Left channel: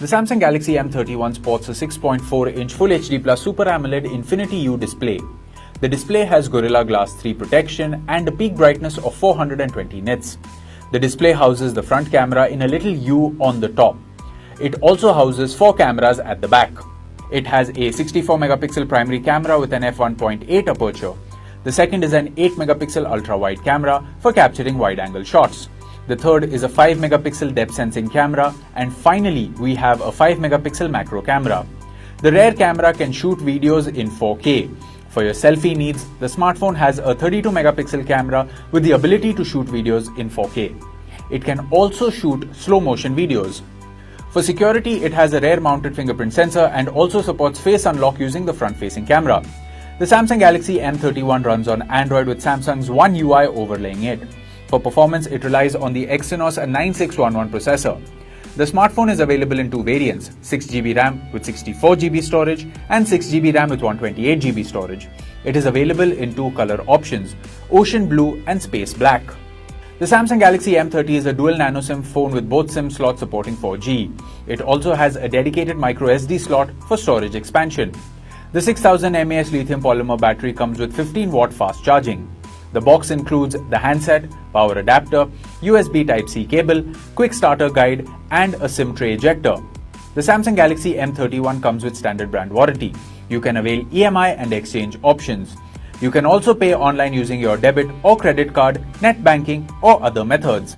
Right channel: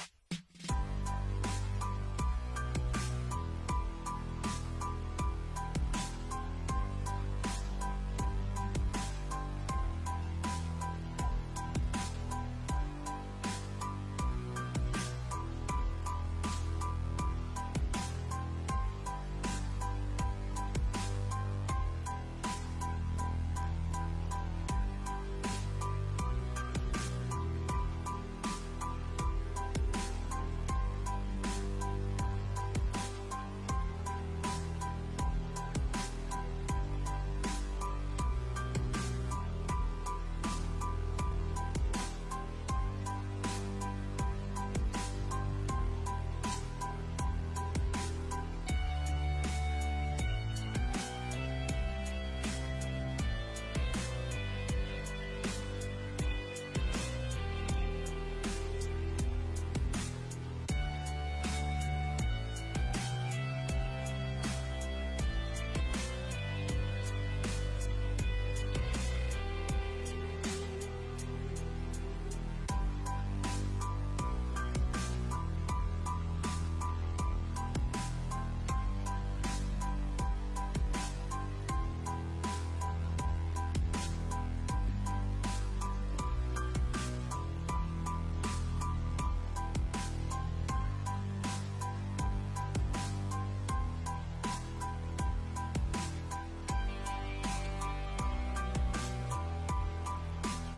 The Samsung Galaxy M31 sports a 6.4-inch Full HD Plus Super AMOLED Infinity U display. The display has Gorilla Glass 3 protection and a peak brightness of 420 nits. The display houses the front camera in a little U on the top. It also houses 4 cameras at the back. It has a 64-megapixel primary camera with an f1.8 aperture. The second is an 8-megapixel ultra-wide camera for capturing wide-angle shots. The third is a 5-megapixel depth sensing camera, and finally we have a 5-megapixel macro camera. The rear camera can shoot videos in 4K. For your selfie needs, the smartphone has a 32-megapixel camera with the ability to shoot videos in 4K. It can also shoot slow-motion videos. For security, it has a rear-mounted fingerprint sensor and also supports face unlock using the front-facing camera. The Samsung Galaxy M31 runs on Android with Samsung's One UI overlaying it. For performance, it relies on the Exynos 9611 processor. The smartphone is available in two variants, 6GB RAM with 64GB storage and 6GB RAM with 128GB storage. It is available in two color options, Ocean Blue and Space Black. The Samsung Galaxy M30 is a dual nano SIM phone with both SIM slots supporting 4G. It also has a dedicated microSD slot for storage expansion. The 6000 mAh lithium polymer battery comes with 15-watt fast charging. The box includes the handset, power adapter, USB Type-C cable, quick starter guide, and a SIM tray ejector. The Samsung Galaxy M31 comes with standard brand warranty. You can avail EMI and exchange options. You can also pay online using your debit or credit card, net banking, or other methods.